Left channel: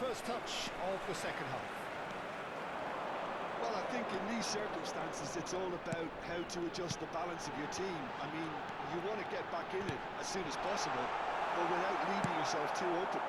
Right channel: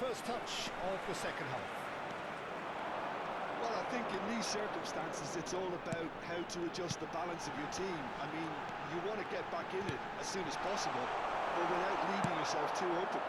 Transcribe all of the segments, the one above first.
first touch of the second half. Well, I think in these circumstances, it's all about how to adjust the balance of your team. I mean, you want to get back in it as soon as possible, but without leaving yourself too open.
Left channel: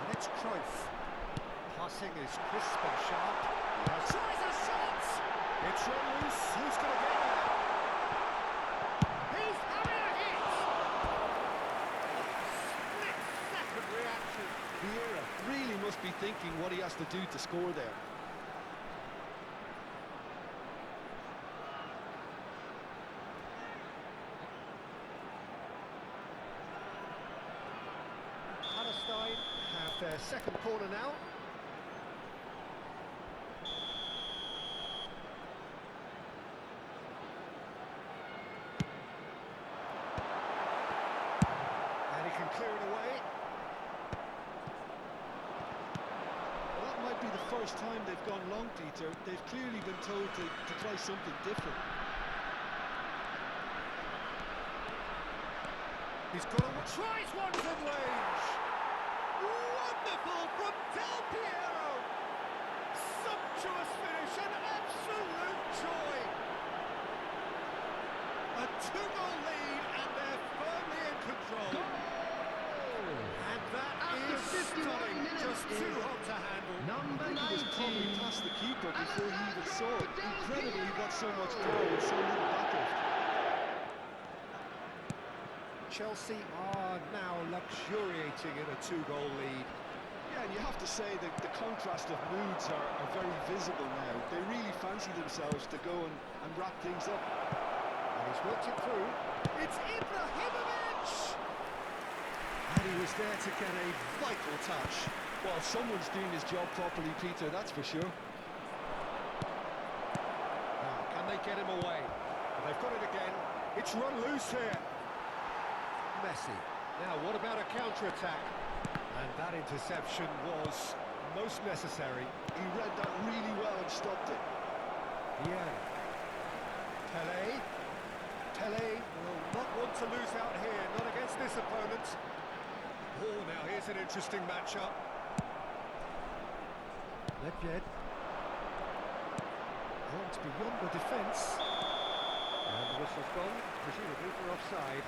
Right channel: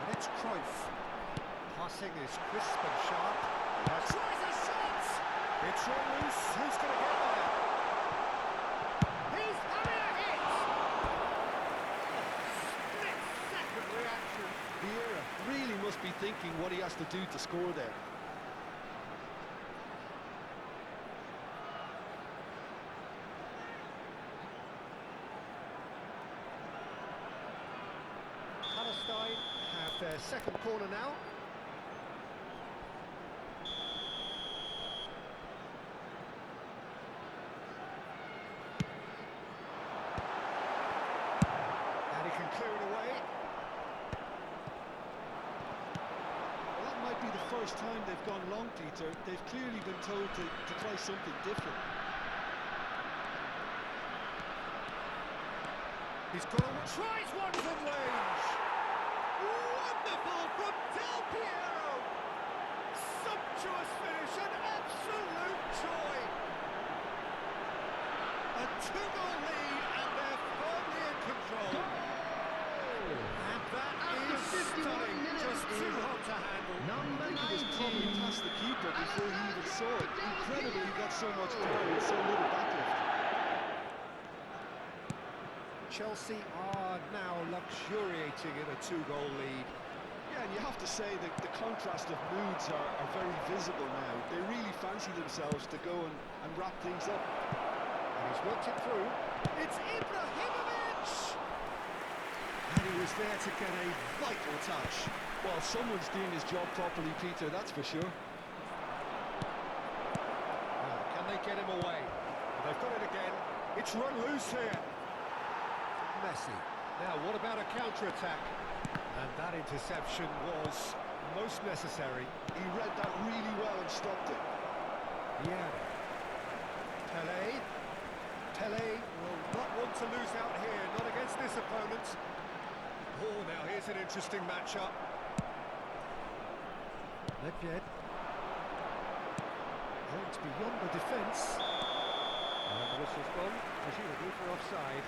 And it's Cruyff. Passing is crisp and sharp. He has tries a shot! It's run loose. Who's going to get there? He's having a hit! Split-second reaction. Vieira really must be thinking what he has to do to score there. Palestine have their second corner now. And he can clear it away. Well, that might be the first time they've gone long, Peter. They've clearly been told to try something different. He's got a... tries one from range! Wonderful from Del Piero! Sumptuous finish, an absolute joy! A 2-goal lead, and they're firmly in control. Goal! And that After is 51 stunning, minutes just too is hot to handle. Number He was probably 19. past the keeper before he even saw it. Incredible he got so much power with so little backlift. Chelsea are now luxuriating in a 2-goal lead. Yeah, and you have to say that the contrast of moods are very visible now. They really fancy themselves to go and wrap things up. And he's worked it through. It's Ibrahimovic! And he was there to get a vital touch. Well, someone's doing his job properly, Peter, that's for sure. Now, can they get him away? Well, they've got it again. It's run loose here. Messi. Now, what about a counter-attack? And that interception was most necessary. He read that really well and stopped it. Vieira. Tele will not want to lose out here, not against this opponent. Oh, now here's an interesting matchup. Nedved. Runs beyond the defence. And the whistle's gone, presumably for offside.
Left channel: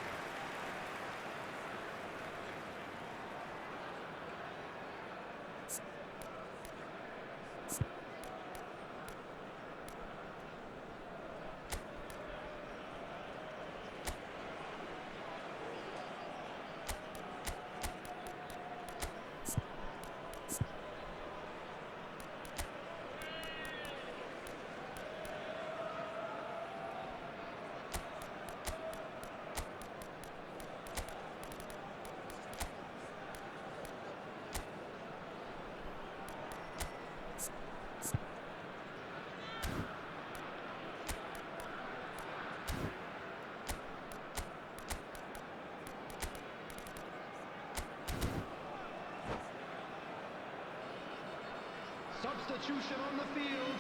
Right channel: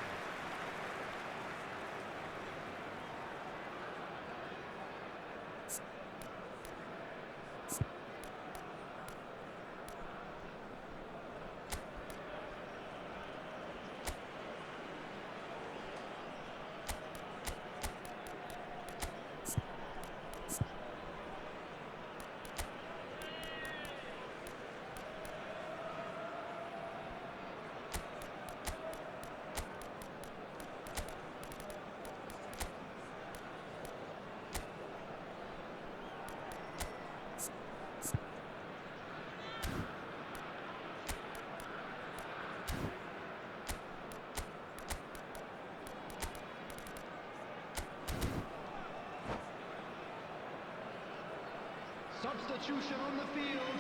Substitution on the field.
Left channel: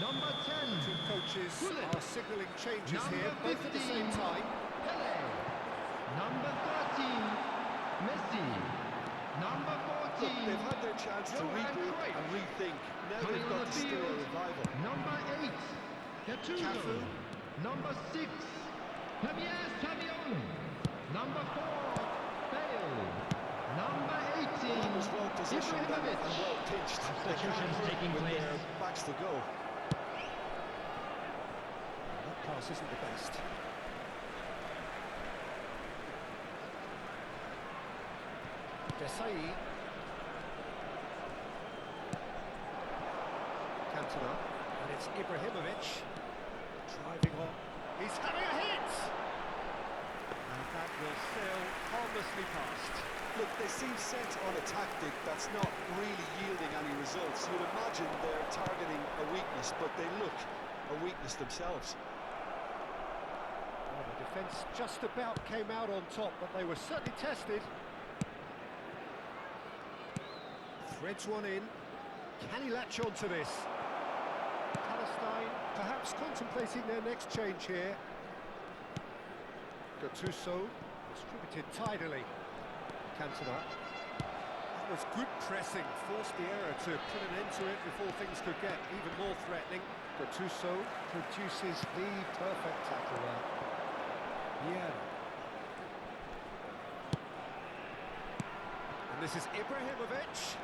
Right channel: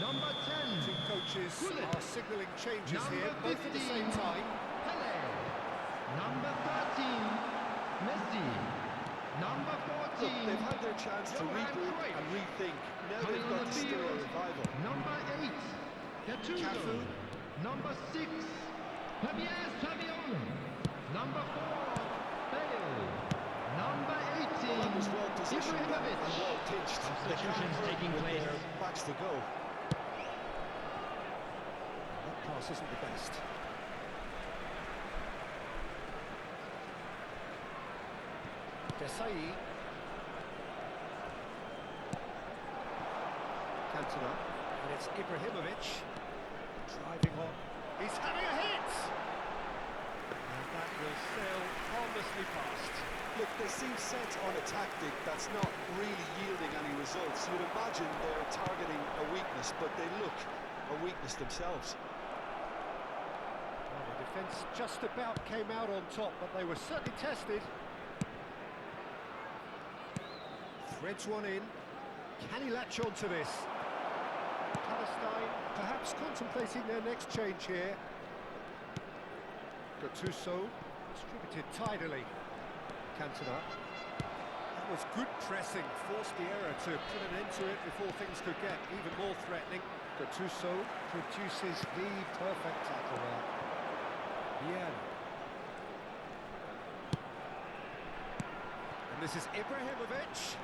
Number 10. Two coaches Gullit. are signalling changes Number here, both at the 15. same time. Pele. Number 13. Messi. Number 14. Look, they've had their chance to Johan regroup Cruyff. and rethink. Now Coming they've on got the to stir a field. revival. Number 8. Gattuso. Cafu. Number 6. Javier Savion. Number 4. Bale. Number 18. Well, that was well positioned and Ibrahimovic. well pitched. They can't Substitutions hurt taking with place. their backs to go. That pass isn't the best. Desai. Cantona. And it's Ibrahimovic. Driving on. He's having a hit! And that will sail harmlessly past. Look, they seem set on a tactic that's not really yielding any results. You'd imagine they're targeting a weakness, but they look a weakness themselves. Well, the defence just about came out on top, but they were certainly tested. Threads one in. Can he latch on to this? Palestine perhaps contemplating their next change here. Gattuso. Distributed tidily. Cantona. That was good pressing, forced the error to put an end to it before things could get even more threatening. Gattuso produces the perfect tackle there. Yeah. And this is Ibrahimovic.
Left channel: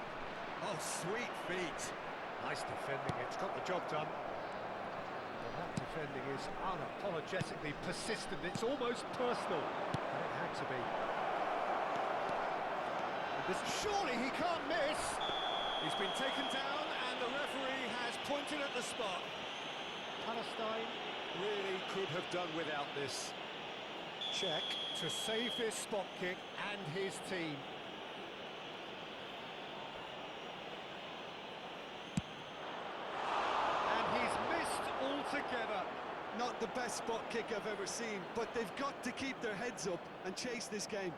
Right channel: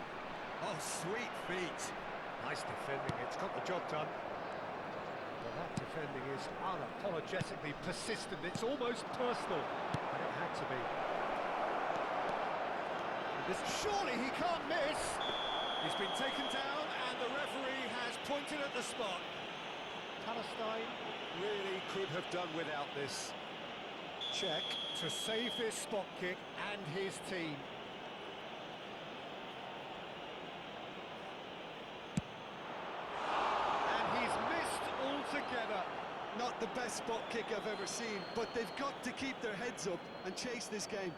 Oh, sweet feet. Nice defending, it's got the job done. Well, that defending is unapologetically persistent, it's almost personal, but it had to be. Surely he can't miss! He's been taken down and the referee has pointed at the spot. Palestine really could have done without this. Check to save this spot kick and his team. And he's missed altogether. Not the best spot kick I've ever seen, but they've got to keep their heads up and chase this game.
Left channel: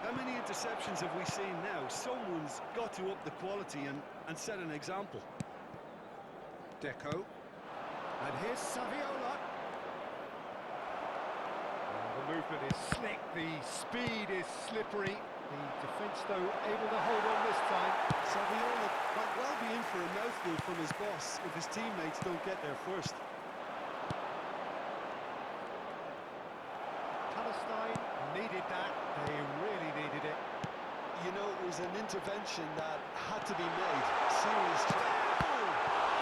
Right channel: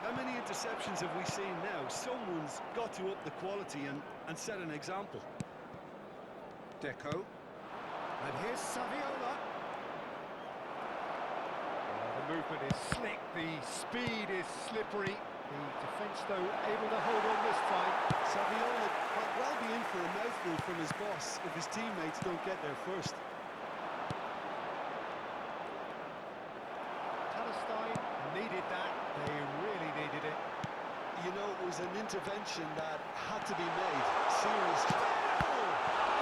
How many interceptions have we seen now? Someone's got to up the quality and set an example. Deco. And here's Saviola. The movement is slick, the speed is slippery. The defence, though, able to hold on this time. Saviola might well be in for a mouthful from his boss if his teammates don't get there first. Palestine needed that. They really needed it. You know, it was an intervention that had to be made. Serious.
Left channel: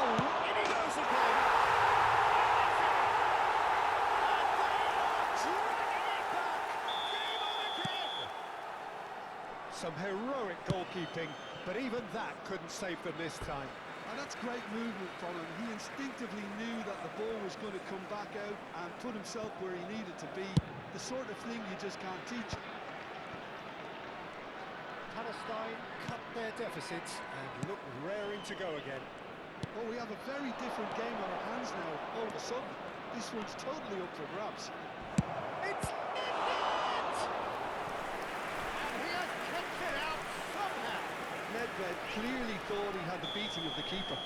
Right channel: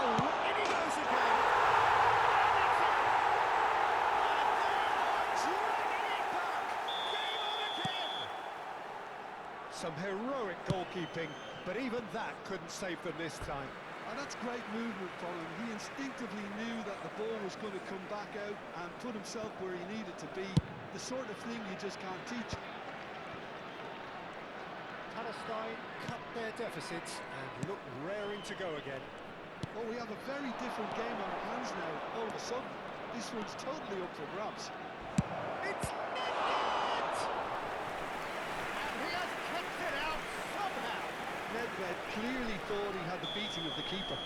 Oh, in he goes again. And it's in. And they are dragging it back. Game on again. Some heroic goalkeeping, but even that couldn't save them this time. And that's great movement from him. He instinctively knew that the ball was going to come back out and put himself where he needed to be. The sort of thing you just can't teach. Palestine cut their deficits and look raring to go again. Oh, we have a very different game on our hands now. All of a sudden, this one's totally up for grabs. It's Nedved! And he has kicked it out somehow. Nedved clearly thought he had the beating of the keeper.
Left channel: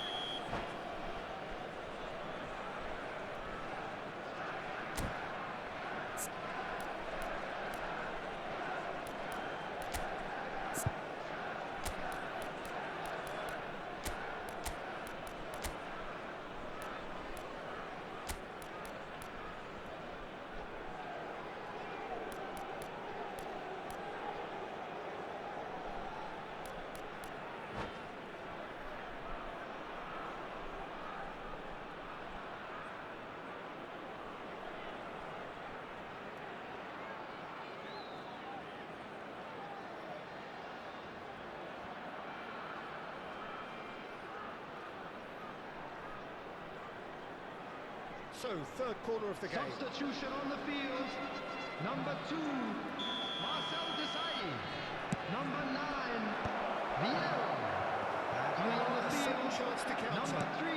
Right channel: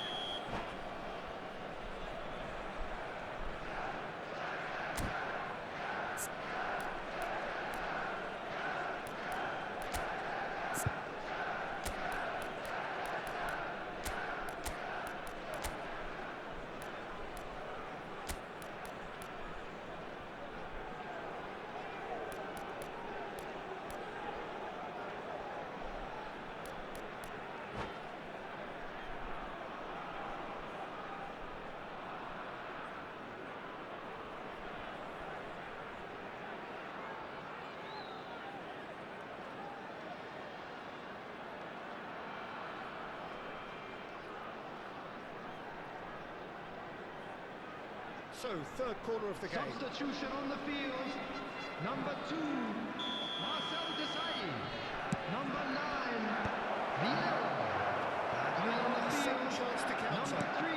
So, third corner of the game. Substitution on the field. Number 2, Marcel Desailly. Number 9, Vieira. Battling on the Second field. chance to counter. Number 3,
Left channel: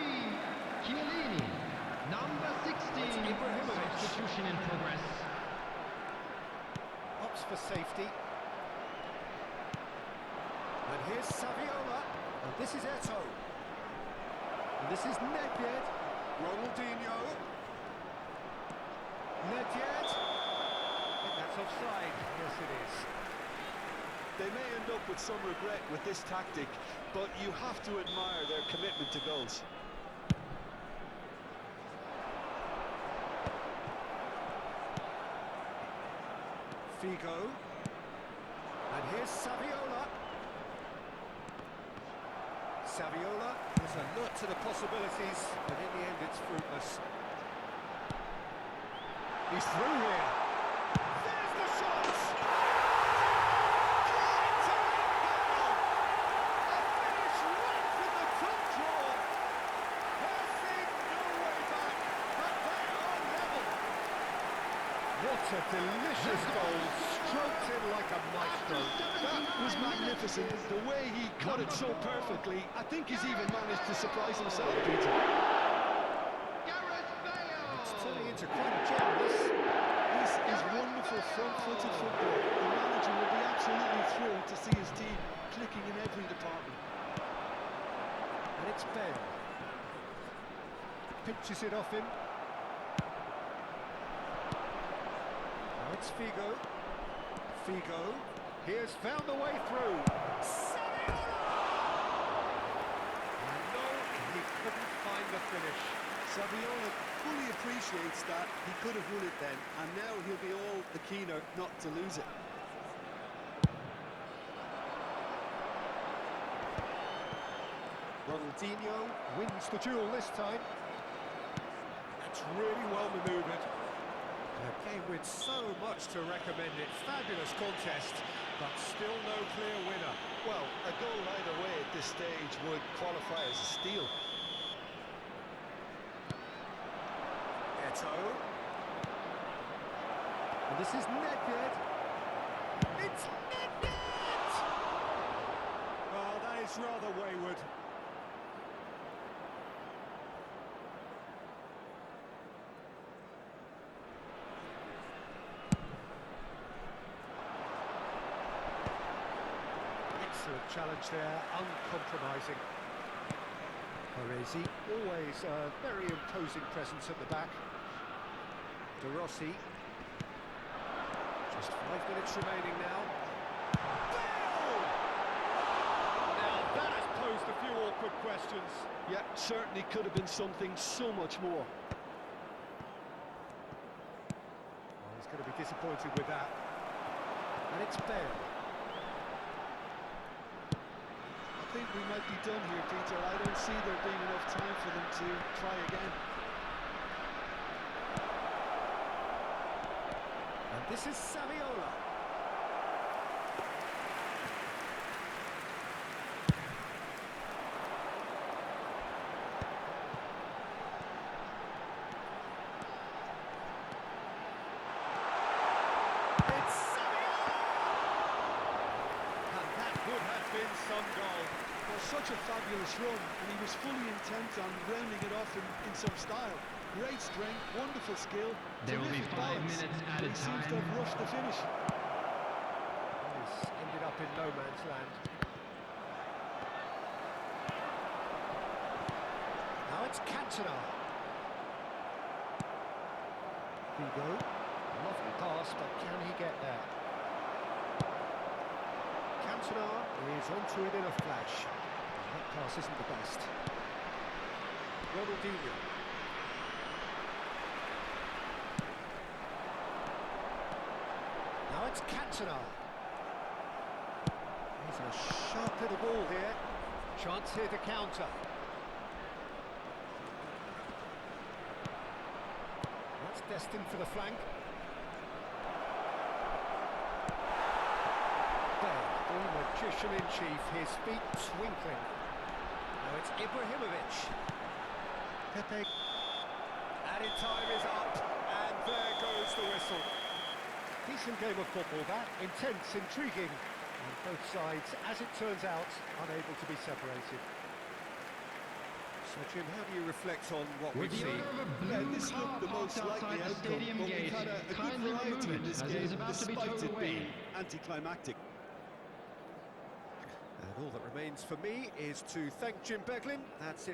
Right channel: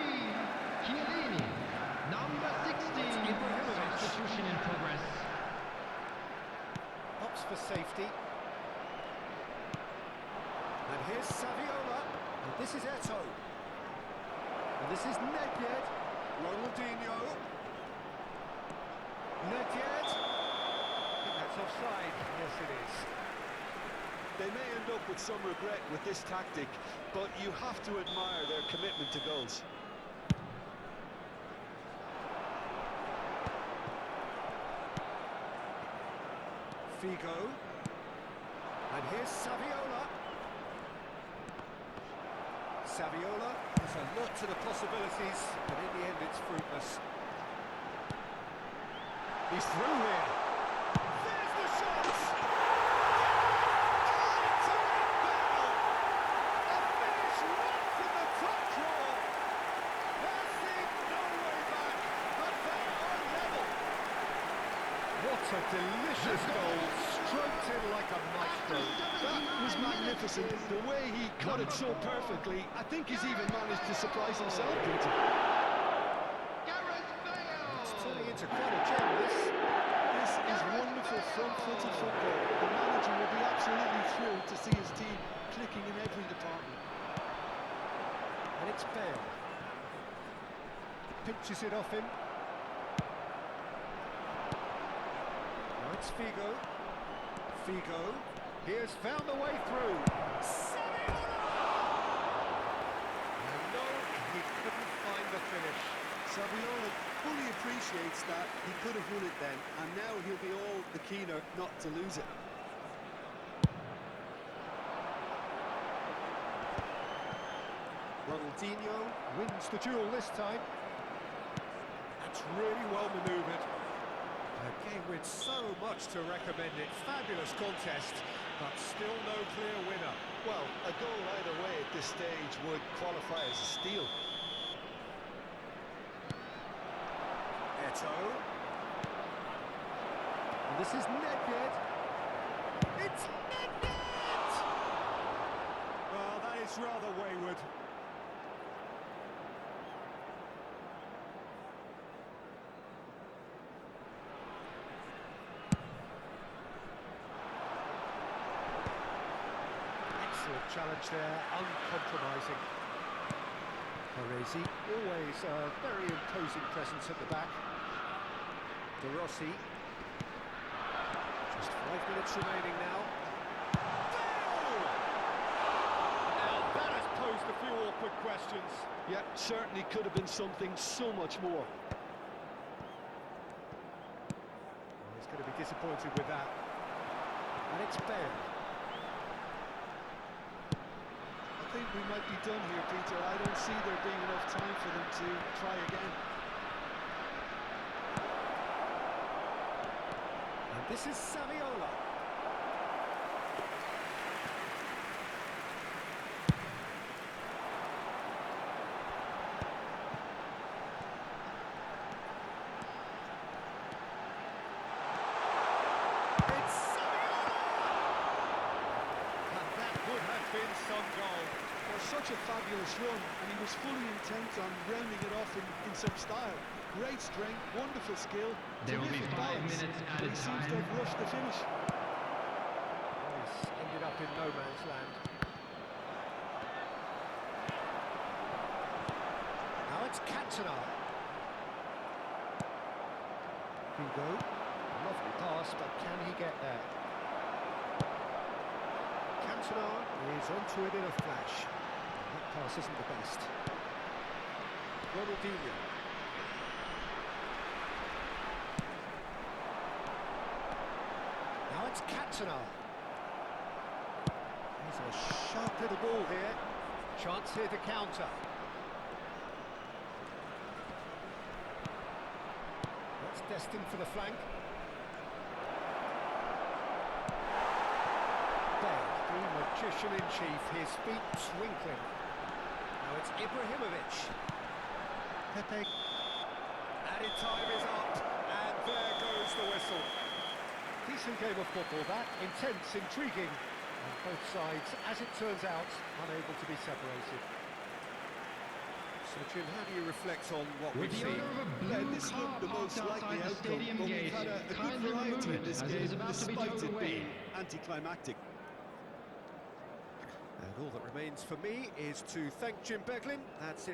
Chiellini. Number 16, Ibrahimovic. substitution in progress. Opts for safety. And here's Saviola. And this is Eto'o. And this is Nedved. Ronaldinho. Nedved. I think that's offside. Yes, it is. They may end up with some regret with this tactic, but you have to admire their commitment to goals. Figo. And here's Saviola. Saviola is alert to the possibilities, but in the end it's fruitless. He's through here. There's the shot! What a delicious goal, stroked in like a maestro. That was magnificent. The way he cut it so perfectly. I think he's even managed to surprise himself, Peter. It's turning into quite a gem, this. This is wonderful front-footed football. The manager will be absolutely thrilled to see his team clicking in every department. And it's Bale. Pinches it off him. Now it's Figo. Figo. He has found the way through. Saviola! And no, he couldn't find the finish. Saviola fully appreciates that he could have won it then, and now he'll be all the keener not to lose it. Ronaldinho wins the duel this time. That's really well manoeuvred. A game with so much to recommend it. Fabulous contest, but still no clear winner. Well, a goal either way at this stage would qualify as a steal. Eto. And this is Nedved. It's Nedved! Well, that is rather wayward. Excellent challenge there, uncompromising. Paresi, always a very imposing presence at the back. De Rossi. Just 5 minutes remaining now. Bale! Now that has posed a few awkward questions. Yeah, certainly could have been something so much more. Well, he's going to be disappointed with that. And it's Bale. I think we might be done here, Peter. I don't see there being enough time for them to try again. And this is Saviola. It's Saviola! And that would have been some goal. Well, such a fabulous run, and he was fully intent on rounding it off in some style. Great strength, wonderful skill, There will be terrific 5 balance, minutes but added he seems to time. have rushed the finish. Well, he's ended up in no man's land. Now it's Cantona. Figo. Lovely pass, but can he get there? Cantona is onto it in a flash. That pass isn't the best. Ronaldinho. Now it's Cantona. He's a sharp little ball here. Chance here to counter. That's destined for the flank. Bale, the magician in chief, his feet twinkling. Now it's Ibrahimovic. Pepe. Added time is up, and there goes the whistle. Decent game of football, that. Intense, intriguing. And both sides, as it turns out, unable to be separated. So, Jim, how do you reflect on what With we've the seen? owner of a blue This car looked the most parked outside likely the outcome, stadium but we've gate, had a good kindly variety remove in it this as it game, is about to be despite towed it away. being anticlimactic. And all that remains for me is to thank Jim Beglin. That's it.